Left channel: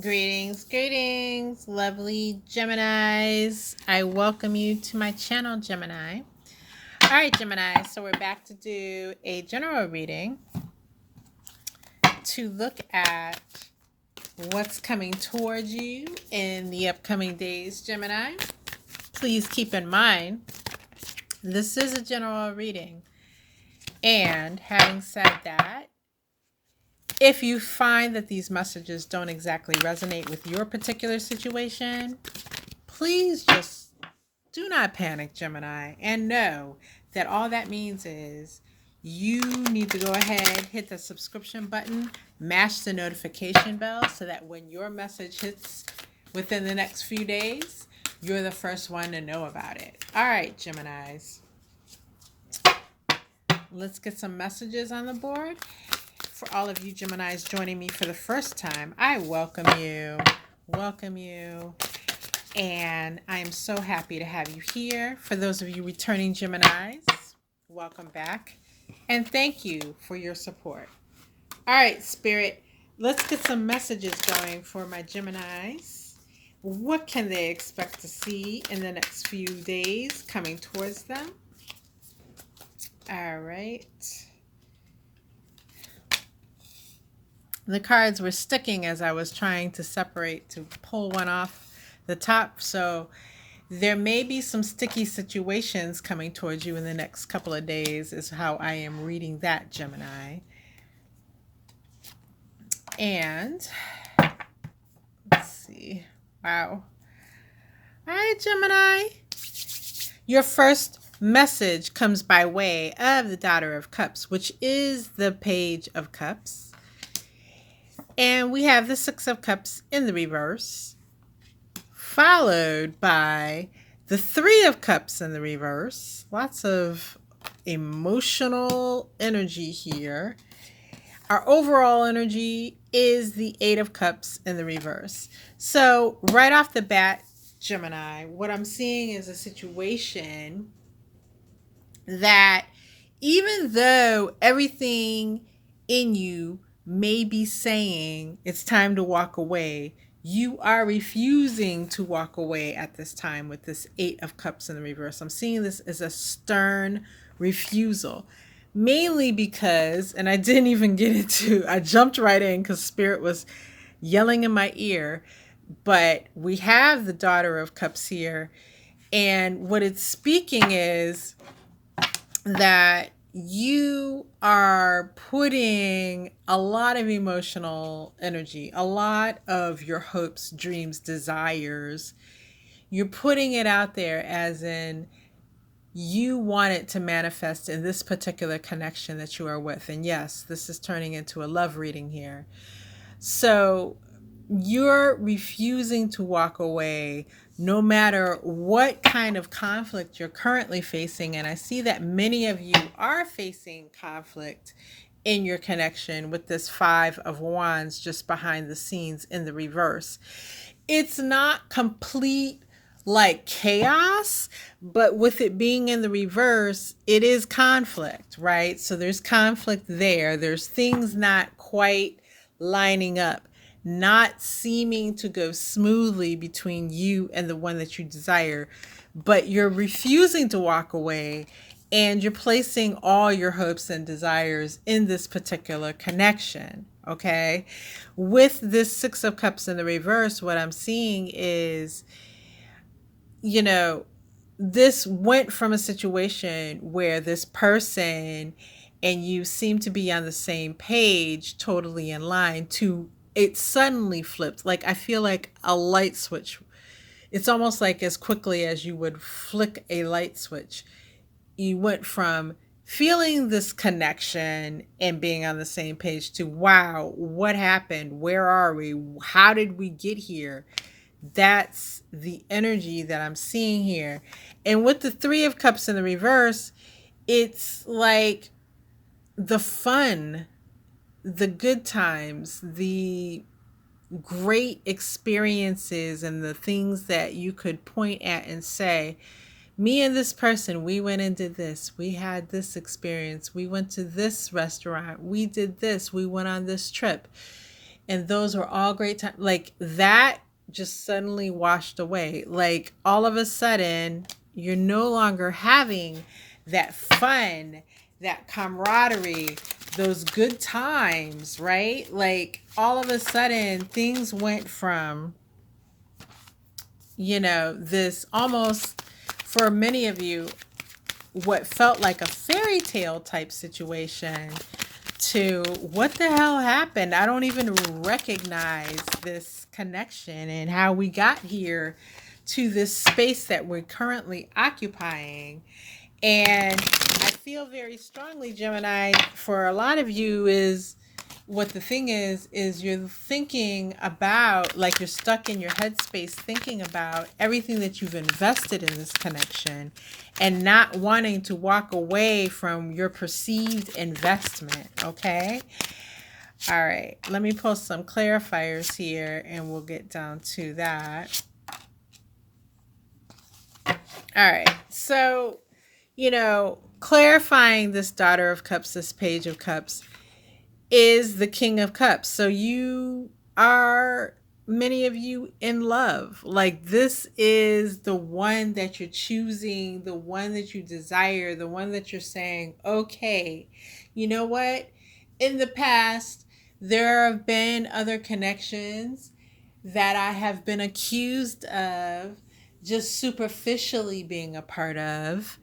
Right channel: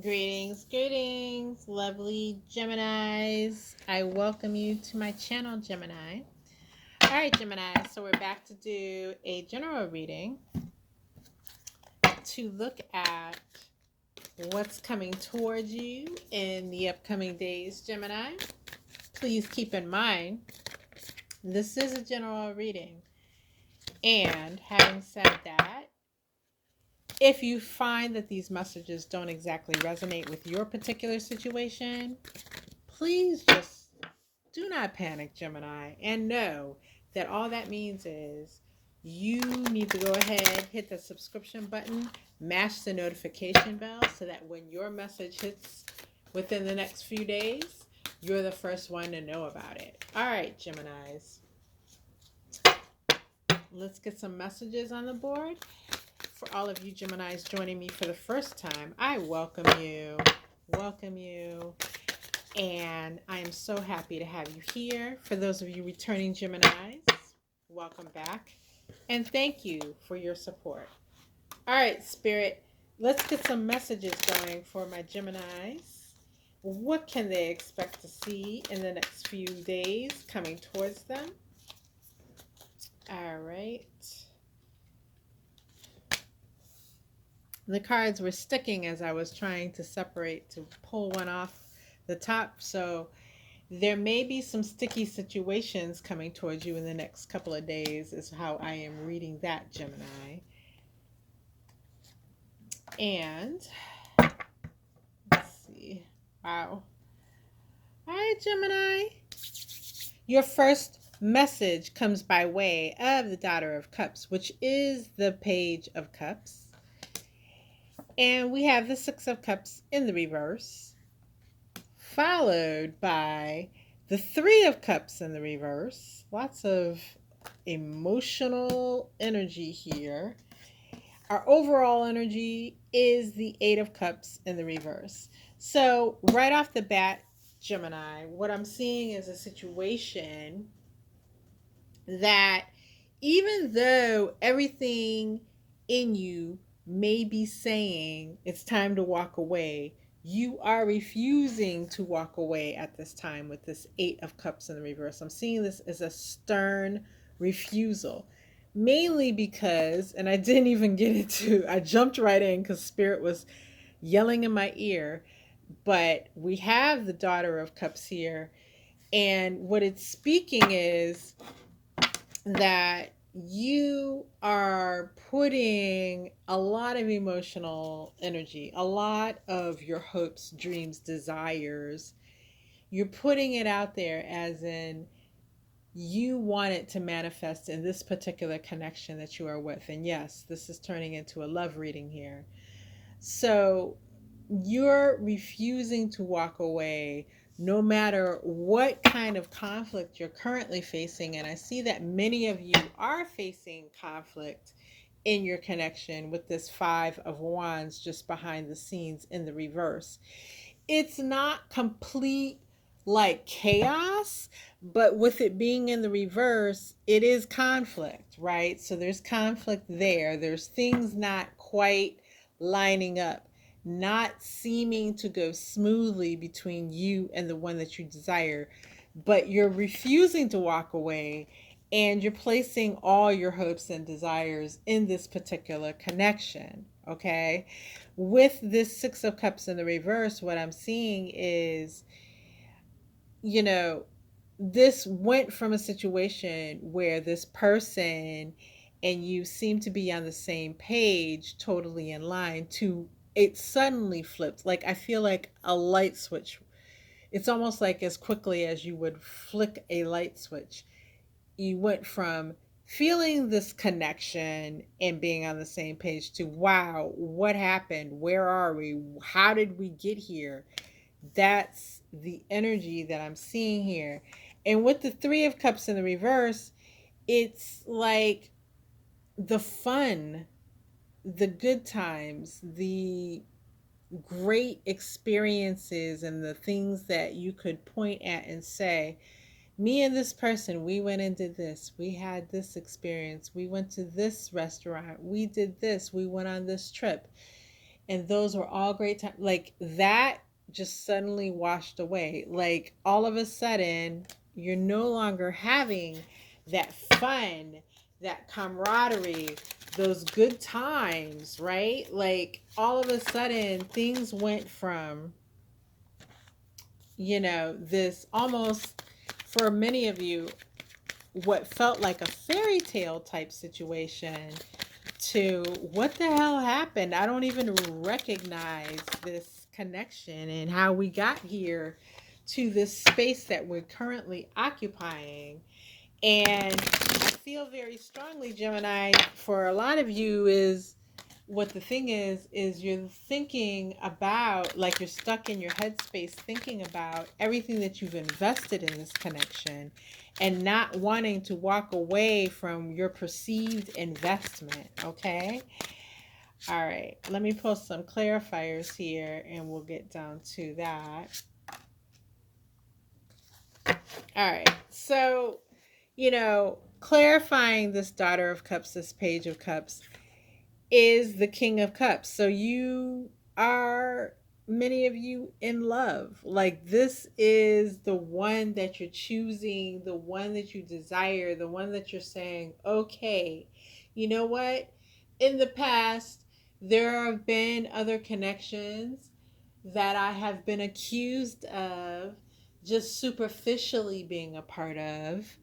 Greetings, lovely Geminis. I welcome you to my channel, Gemini. All right, Gemini, so we're back to do a general reading to look at what's coming towards you in the upcoming days, Gemini. Please keep in mind, this is a general reading. And having said that, if you find that these messages don't exactly resonate with your particular situation, please just do not panic, Gemini, and know that all that means is you need to go ahead, hit the subscription button, mash the notification bell so that when your message hits within the next few days, you're the first one to know about it. All right, Geminis. Let's get some messages on the board. For all of you Geminis joining me for the first time, I welcome you. Welcome you. And I am so happy to have you here. For those of you returning Geminis, welcome back. And thank you for your support. All right, Spirit, let's get some messages going for my Geminis. What can they expect to see in the next few days coming towards them? All right. The cards were sticking as I was trying to separate to pull one off the top. So there may be some sticky situations coming towards you in the next couple of days is how I am reading that, Gemini. And let's see. Wow. All right, Gemini. Your first message comes by way of the Daughter of Cups, which is the Page of Cups. And we have the Six of Cups in the reverse, followed by the Three of Cups in the reverse. Lots of emotional energy here. Our overall energy is the Eight of Cups in the reverse. So right off the bat, Gemini, what I'm seeing is a situation that even though everything in you may be saying it's time to walk away, you are refusing to walk away at this time with this Eight of Cups in the reverse. I'm seeing this as a stern refusal, mainly because, and I didn't even get into, I jumped right in because Spirit was yelling in my ear, but we have the Daughter of Cups here, and what it's speaking is that you are putting a lot of emotional energy, a lot of your hopes, dreams, desires. You're putting it out there as in you want it to manifest in this particular connection that you are with. And yes, this is turning into a love reading here. So you're refusing to walk away no matter what kind of conflict you're currently facing. And I see that many of you are facing conflict in your connection with this Five of Wands just behind the scenes in the reverse. It's not complete like chaos, but with it being in the reverse, it is conflict, right? So there's conflict there. There's things not quite lining up, not seeming to go smoothly between you and the one that you desire, but you're refusing to walk away and you're placing all your hopes and desires in this particular connection, okay? With this Six of Cups in the reverse, what I'm seeing is, you know, this went from a situation where this person and you seem to be on the same page, totally in line, to it suddenly flipped. Like I feel like a light switch. It's almost like as quickly as you would flick a light switch, you went from feeling this connection and being on the same page to, wow, what happened? Where are we? How did we get here? That's the energy that I'm seeing here. And with the Three of Cups in the reverse, it's like the fun, the good times, the great experiences, and the things that you could point at and say, me and this person, we went and did this. We had this experience. We went to this restaurant. We did this. We went on this trip. And those were all great times. Like that just suddenly washed away. Like all of a sudden, you're no longer having that fun, that camaraderie, those good times, right? Like all of a sudden, things went from, this almost, for many of you, what felt like a fairy tale type situation to what the hell happened? I don't even recognize this connection and how we got here to this space that we're currently occupying. And I feel very strongly, Gemini, for a lot of you is what the thing is you're thinking about, like you're stuck in your headspace thinking about everything that you've invested in this connection and not wanting to walk away from your perceived investment. Okay. All right. Let me pull some clarifiers here and we'll get down to that. All right. So, clarifying this Daughter of Cups, this Page of Cups, is the King of Cups. So you are, many of you, in love. Like this is the one that you're choosing, the one that you desire, the one that you're saying, okay, you know what? In the past, there have been other connections that I have been accused of just superficially being a part of.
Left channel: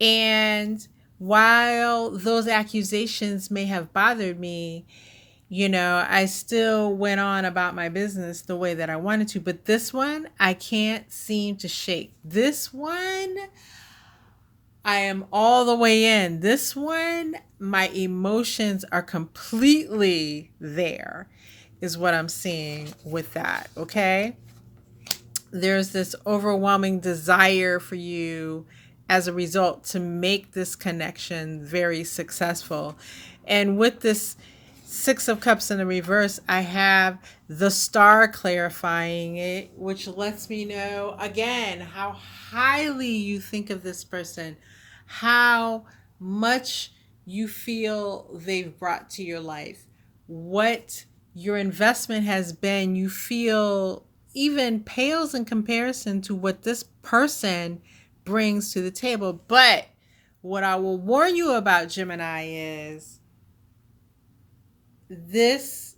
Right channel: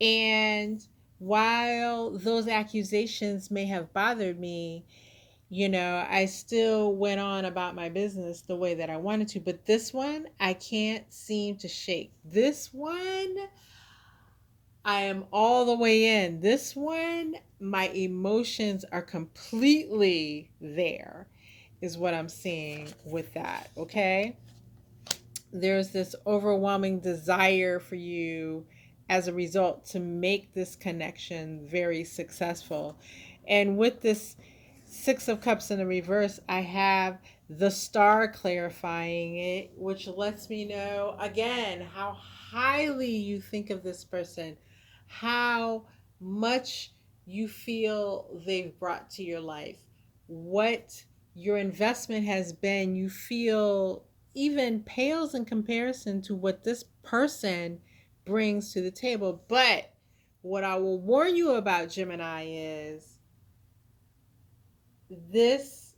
And while those accusations may have bothered me, I still went on about my business the way that I wanted to. But this one, I can't seem to shake. This one, I am all the way in. This one, my emotions are completely there, is what I'm seeing with that. Okay. There's this overwhelming desire for you as a result to make this connection very successful. And with this Six of Cups in the reverse, I have the Star clarifying it, which lets me know again how highly you think of this person, how much you feel they've brought to your life, what your investment has been. You feel even pales in comparison to what this person brings to the table. But what I will warn you about, Gemini, is this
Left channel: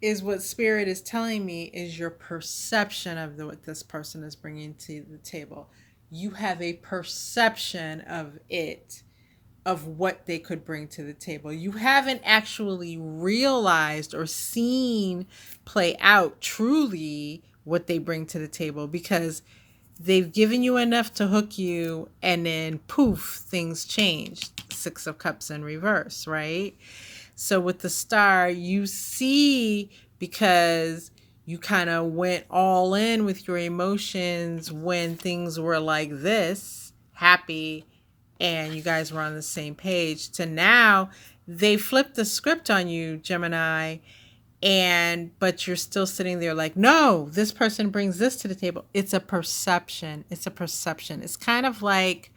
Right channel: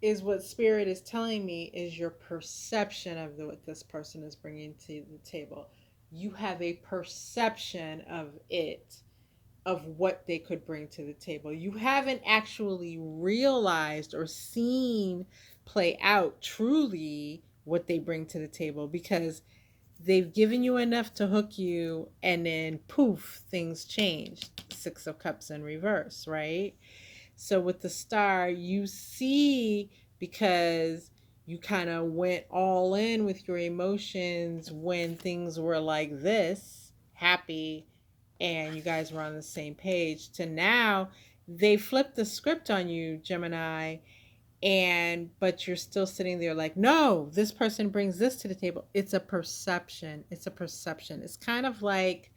is what Spirit is telling me is your perception of what this person is bringing to the table. You have a perception of it, of what they could bring to the table. You haven't actually realized or seen play out truly what they bring to the table, because they've given you enough to hook you and then poof, things change. Six of Cups in reverse, right? So with the Star, you see, because you kind of went all in with your emotions when things were like this, happy, and you guys were on the same page, to now they flipped the script on you, Gemini, but you're still sitting there like, no, this person brings this to the table. It's a perception. It's kind of like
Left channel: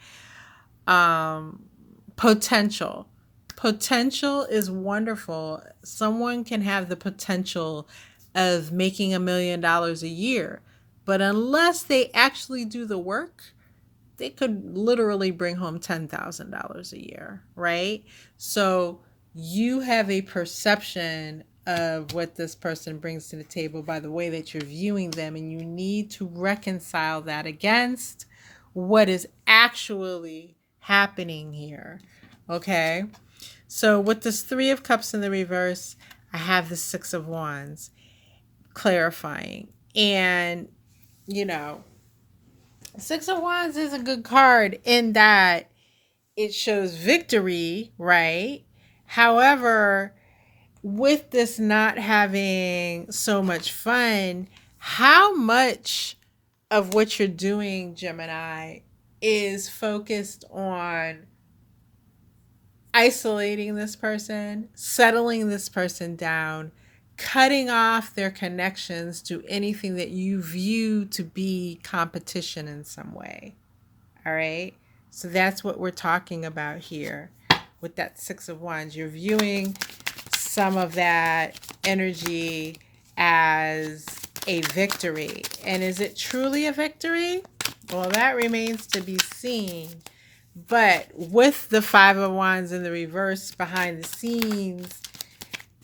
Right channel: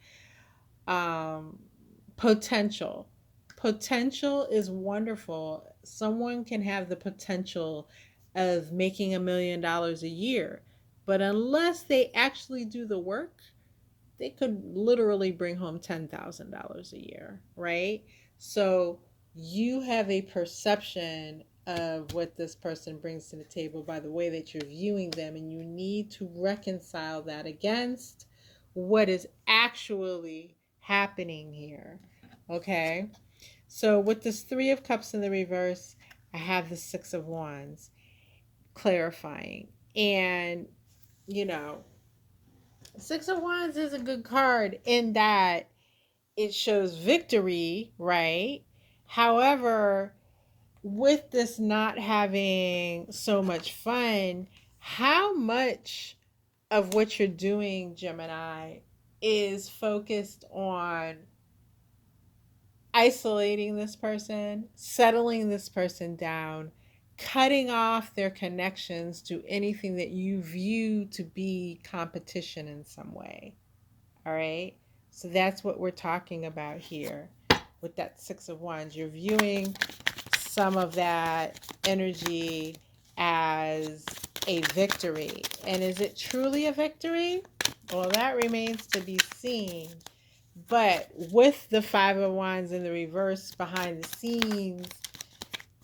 potential. Potential is wonderful. Someone can have the potential of making $1 million a year, but unless they actually do the work, they could literally bring home $10,000 a year, right? So you have a perception of what this person brings to the table by the way that you're viewing them, and you need to reconcile that against what is actually happening here. Okay? So with this Three of Cups in the reverse, I have the Six of Wands clarifying. And, Six of Wands is a good card in that it shows victory, right? However, with this not having so much fun, how much of what you're doing, Gemini, is focused on isolating this person, settling this person down, cutting off their connections to anything that you view to be competition in some way. All right. So that's what we're talking about here with that Six of Wands. You're viewing some of that energy as a victory. And is it truly a victory? Well, that remains to be seen. But with the Five of Wands in the reverse behind the scenes,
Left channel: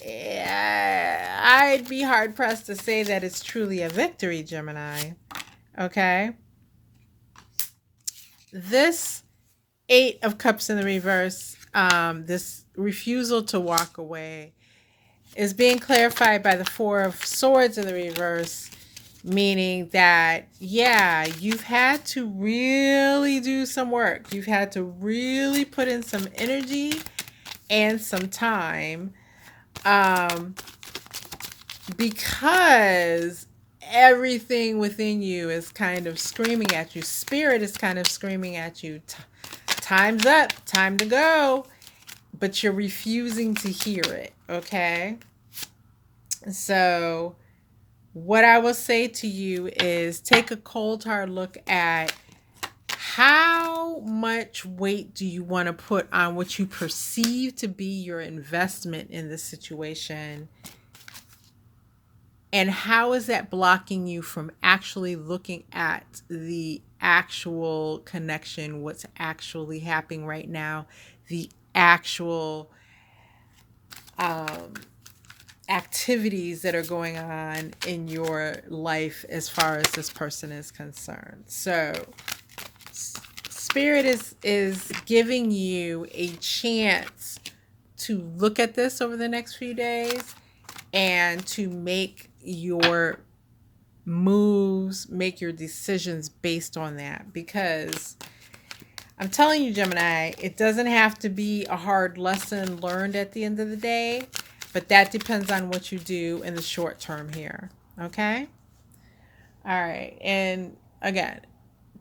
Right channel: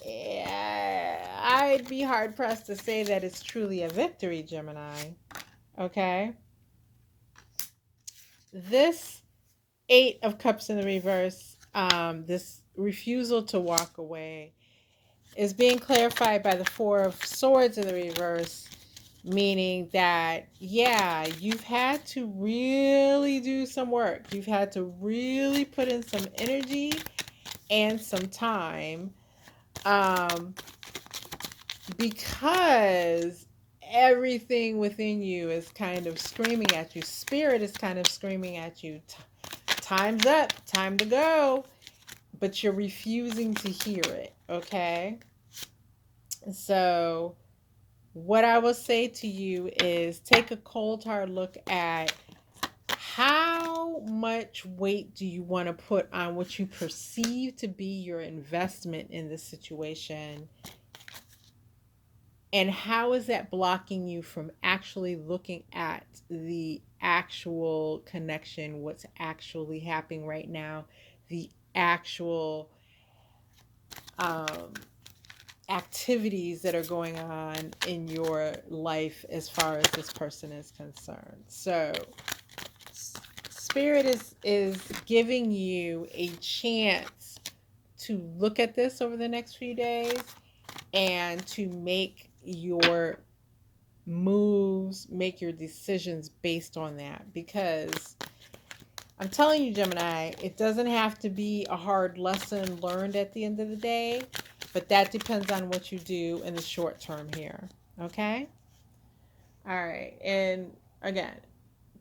I'd be hard pressed to say that it's truly a victory, Gemini. Okay? This Eight of Cups in the reverse, this refusal to walk away, is being clarified by the Four of Swords in the reverse, meaning that, yeah, you've had to really do some work. You've had to really put in some energy and some time, because everything within you is kind of screaming at you. Spirit is kind of screaming at you. Time's up, time to go. But you're refusing to hear it, okay? So what I will say to you is take a cold, hard look at how much weight do you want to put on what you perceive to be your investment in this situation, and how is that blocking you from actually looking at the actual connection, what's actually happening right now, the actual activities that are going on in your life as far as this person is concerned. So Spirit is giving you a chance to look at this over the next few days and to make your moves, make your decisions based on that. Because I'm telling you, Gemini, it doesn't have to be a hard lesson learned at the end of the day, but that depends on what you do in the short term here. Okay? All right. And again,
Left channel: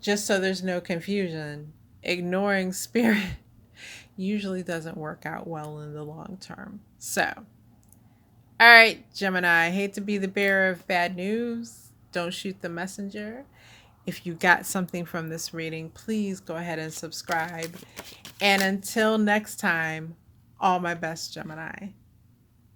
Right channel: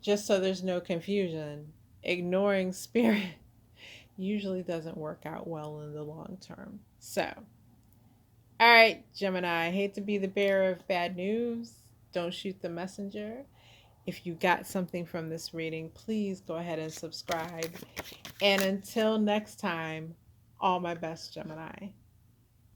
just so there's no confusion, ignoring Spirit usually doesn't work out well in the long term. So, all right, Gemini, I hate to be the bearer of bad news. Don't shoot the messenger. If you got something from this reading, please go ahead and subscribe. And until next time, all my best, Gemini.